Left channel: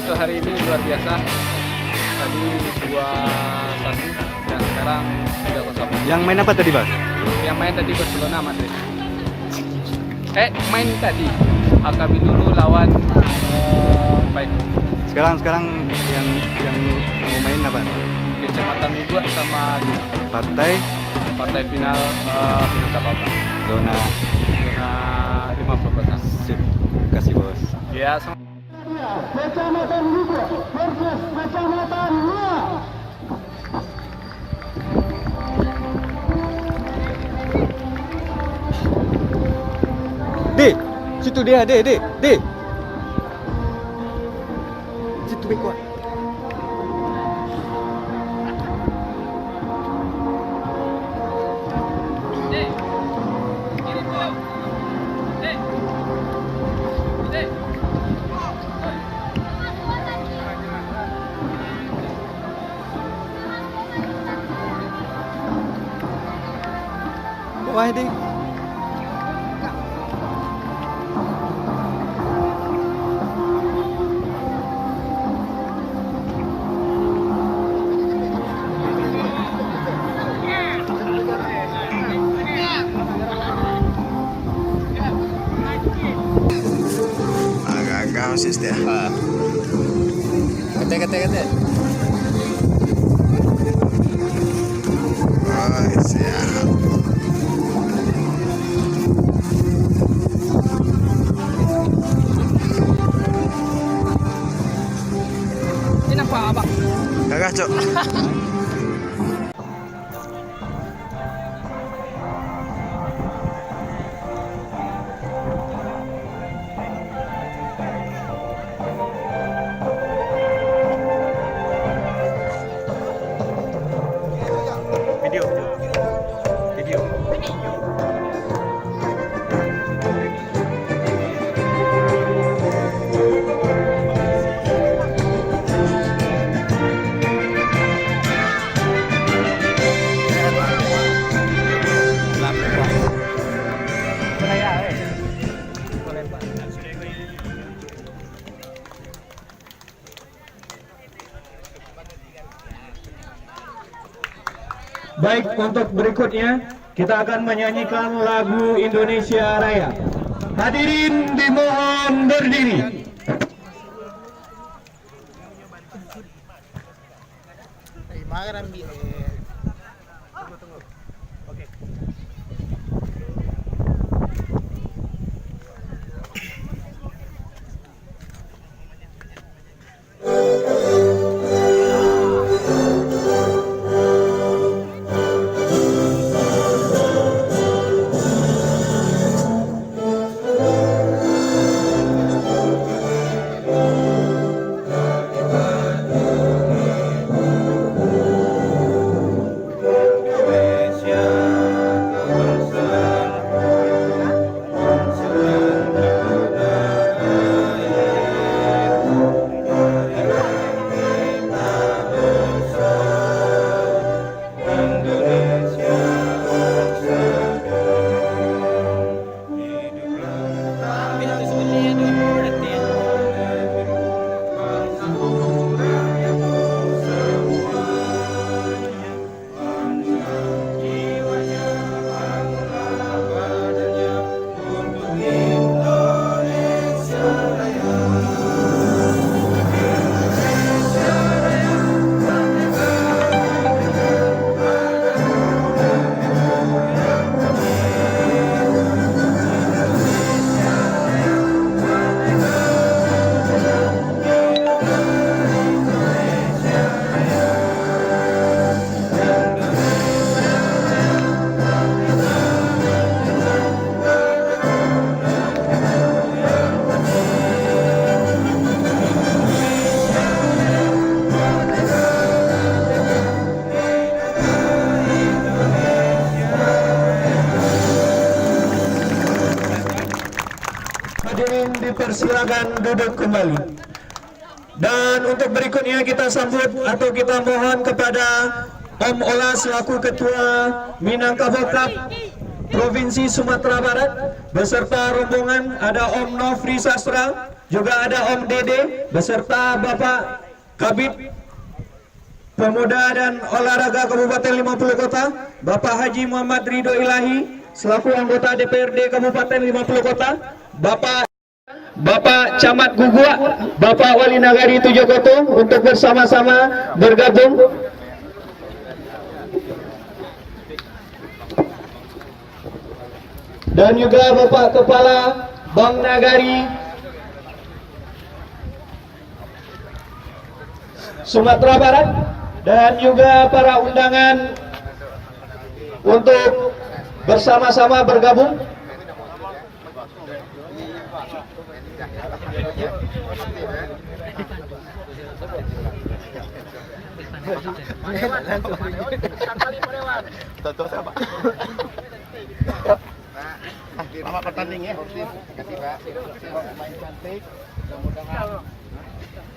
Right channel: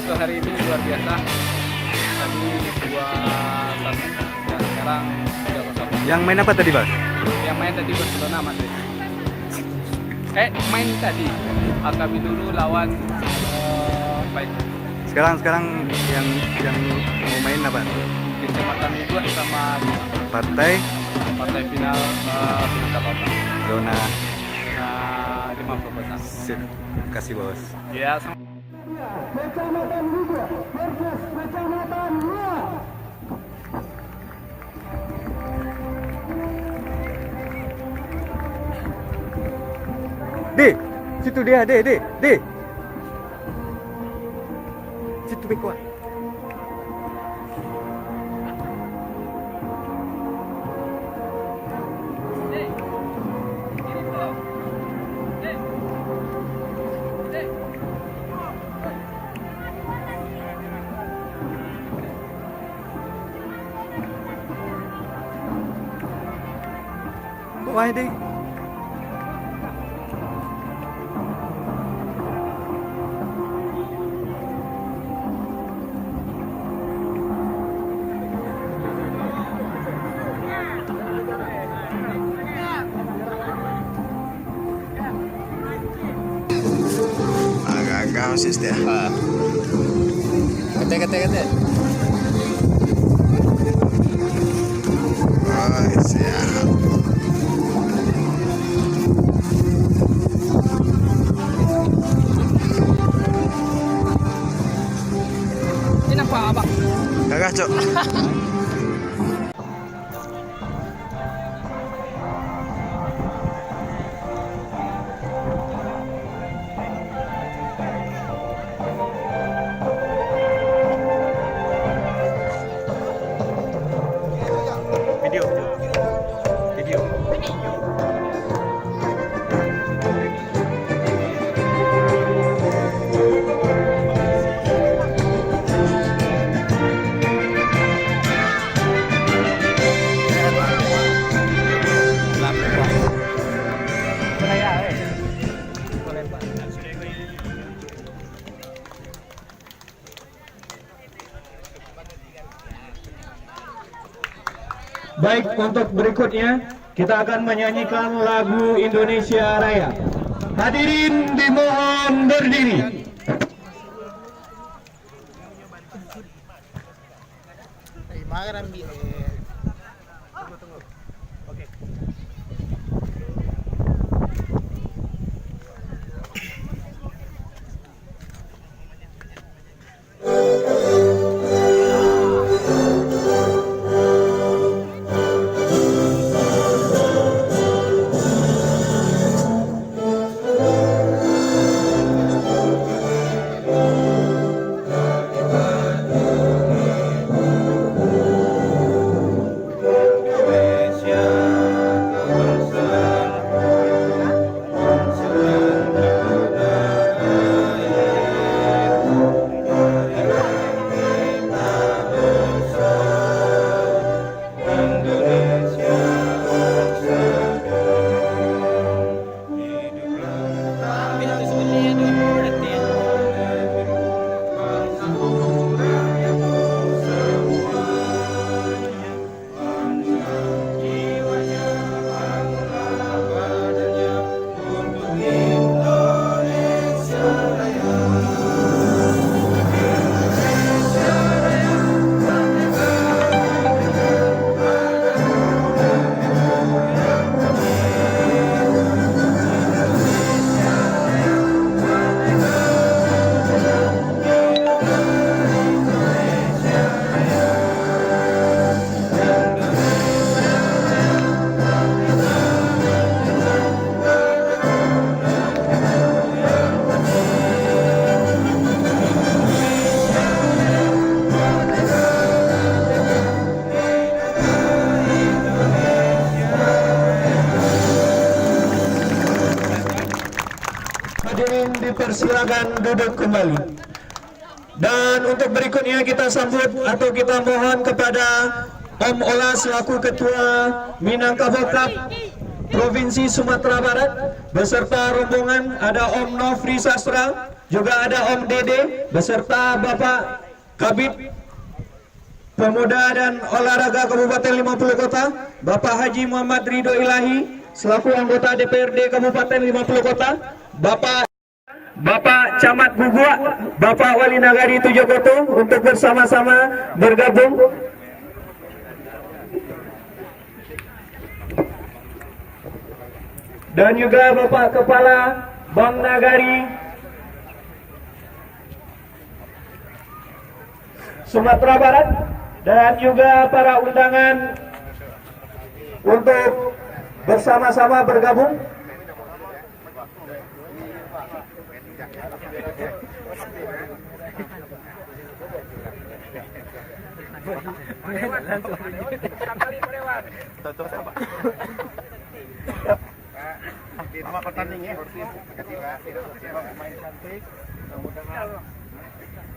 Untuk hari ini luar biasa. Tadi 2-1 dan sekarang 3-0. Yang main apa tadi, Bang? Yang main tadi Barcelona Madrid. Main tadi kami dulu lawan baik. Sekarang yang mau main apa? Kecamatan Miguel sama Partai final apa? zona 50 kota. sip. Kasih bos. Ya, Kecamatan Lugo versus Kecamatan Lua. D, situ dia, D. Situ beko. Bawah D. Agak-agak osis dia. kete. Oh, siap. Ini nampak apa? Gagah, Cok. Baik, untuk berikutnya kita akan menyanyikan lagu Indonesia Raya. Hadirin dimohon berdiri. dipersilakan duduk kembali. Dan untuk berikutnya kita sambut atau kita mohon kepada Om Ola selaku Ketua Minangkabau Cup Provinsi Sumatera Barat beserta rombongan, ada Om Nofri Sastra, juga ada Om Dede beserta Bapak Kabid Pemuda dan Olahraga Kabupaten 50 Kota, Bapak Haji Muhammad Ridho Ilahi selaku anggota DPRD Kabupaten 50 Kota, Bapak Camat Gugua, Bapak Wali Nagari Tujogoto untuk bersama-sama bergabung. Dan juga Bapak Kepala Bank Nagari Sumatera Barat dan juga para undangan untuk bersama-sama bergabung. Selamat pertanding ya. Terima kasih Pak.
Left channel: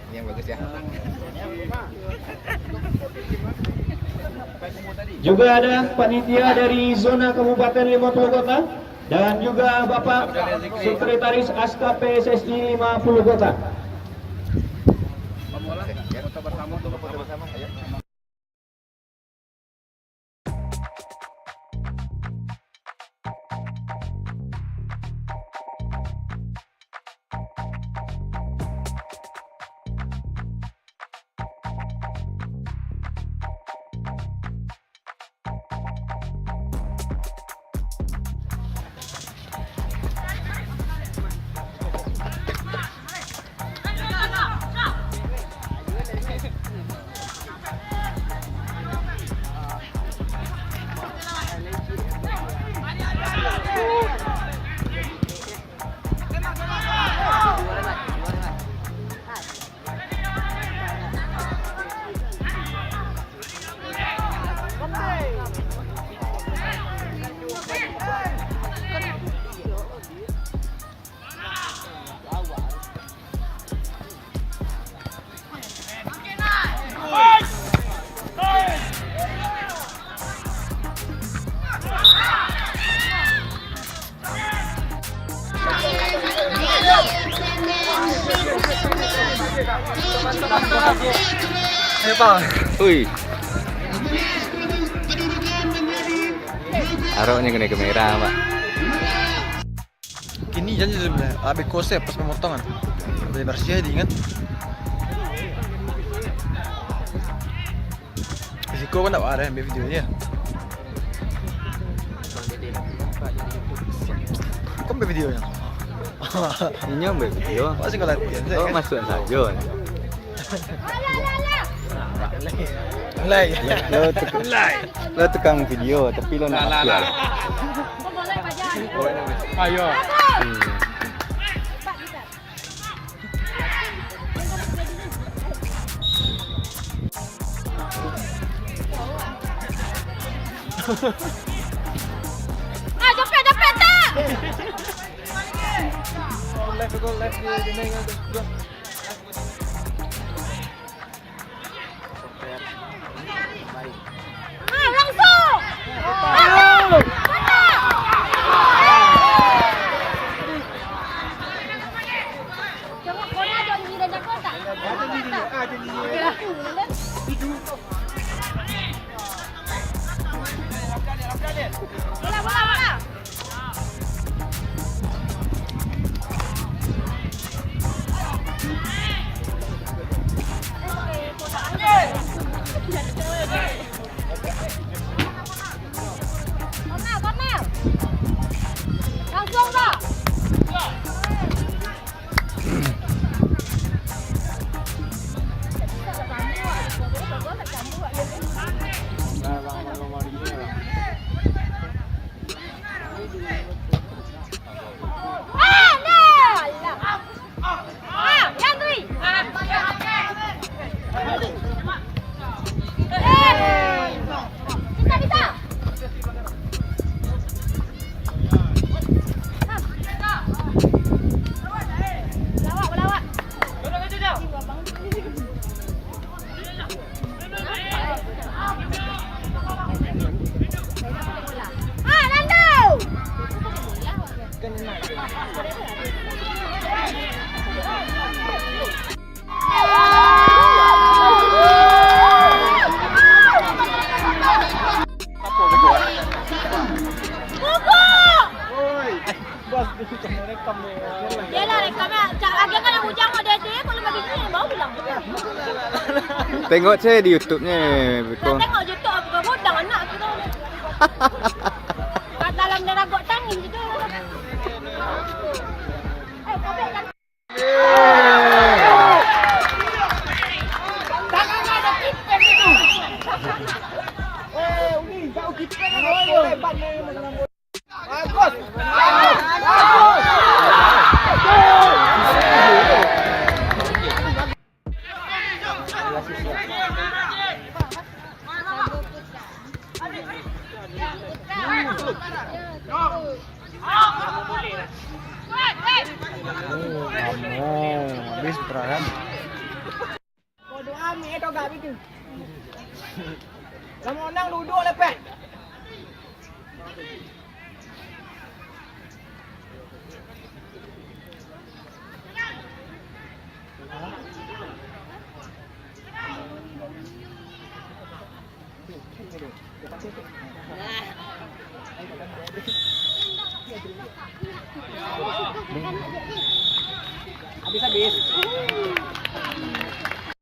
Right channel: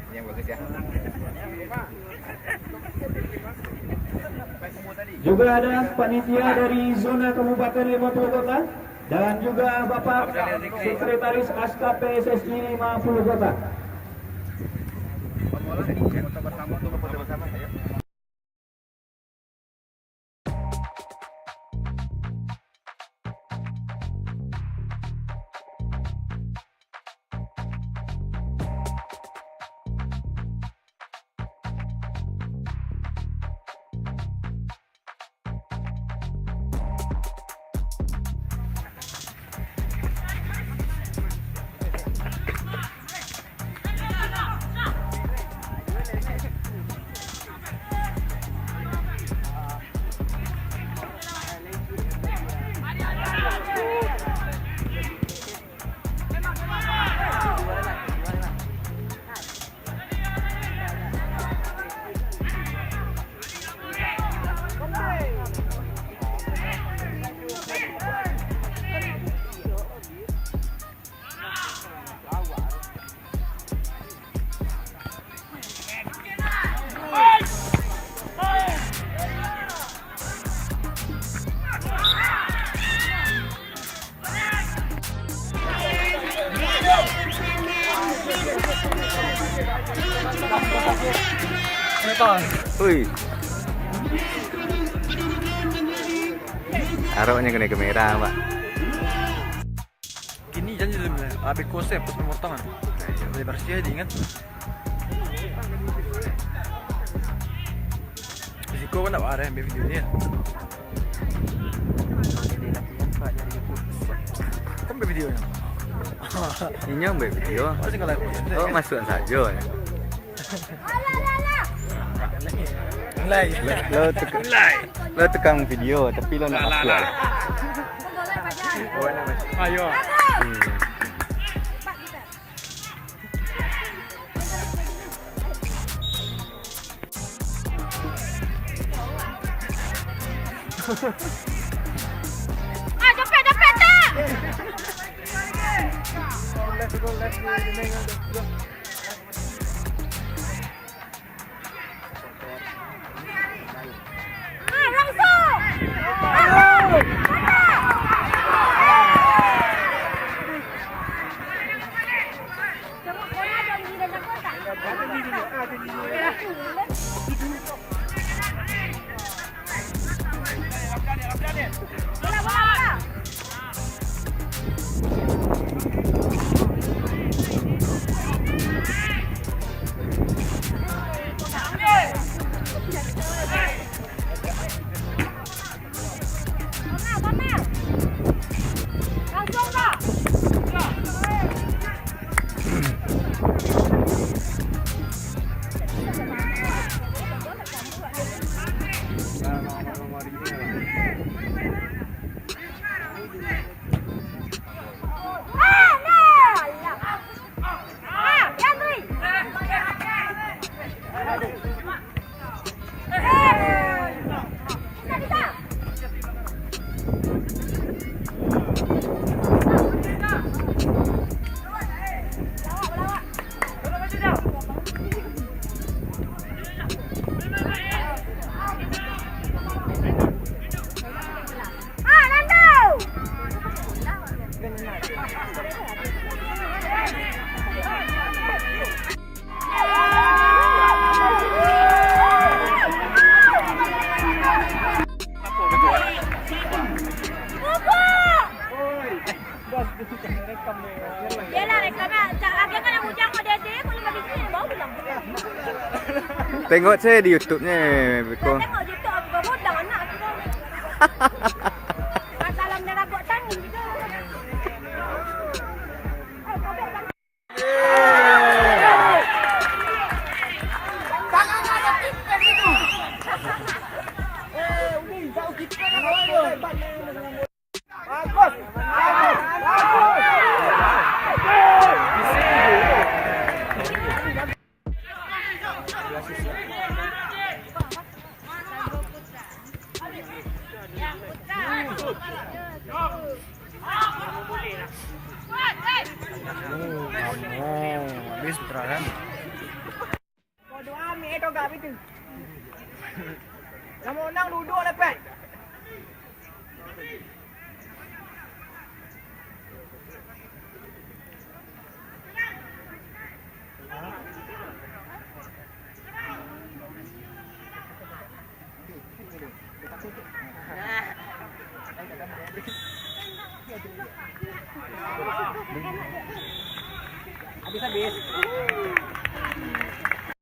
Ini yang bagus ya. Juga ada panitia dari zona Kabupaten 50 Kota dan juga Bapak Sekretaris Aska PSSI 50 Kota. Foto bersama, ayo. Ayo Pak. Wih. Aroknya kena kamera Pak. Kini janji sebenarnya, habis kosep pas pemotongan. Dari bersih aja ingat. Risiko kan tak ada yang videonya. Kan videonya. Ini ambil video. Masih kalau latihan. Oh, masuk saja. Mulai. Lo tukang video tapi lo nak masuk lah. Oh, nak masuk. Ayo. Jepit tak? Left di nengah tu. Langsung. Tengok bola ada di dalam kotak. Ada di langsung dah. Tengok saya di YouTube-nya, Beko. Tengok YouTube apa budak anak kita. Kat dalam dia ragot tangin je tu. Tapi kan tangannya ada tipen itu. Uni, kau kita bagus. Habis putaran. Bodoh amat tu gak itu. Lama orang duduk lepas. Habis-habis.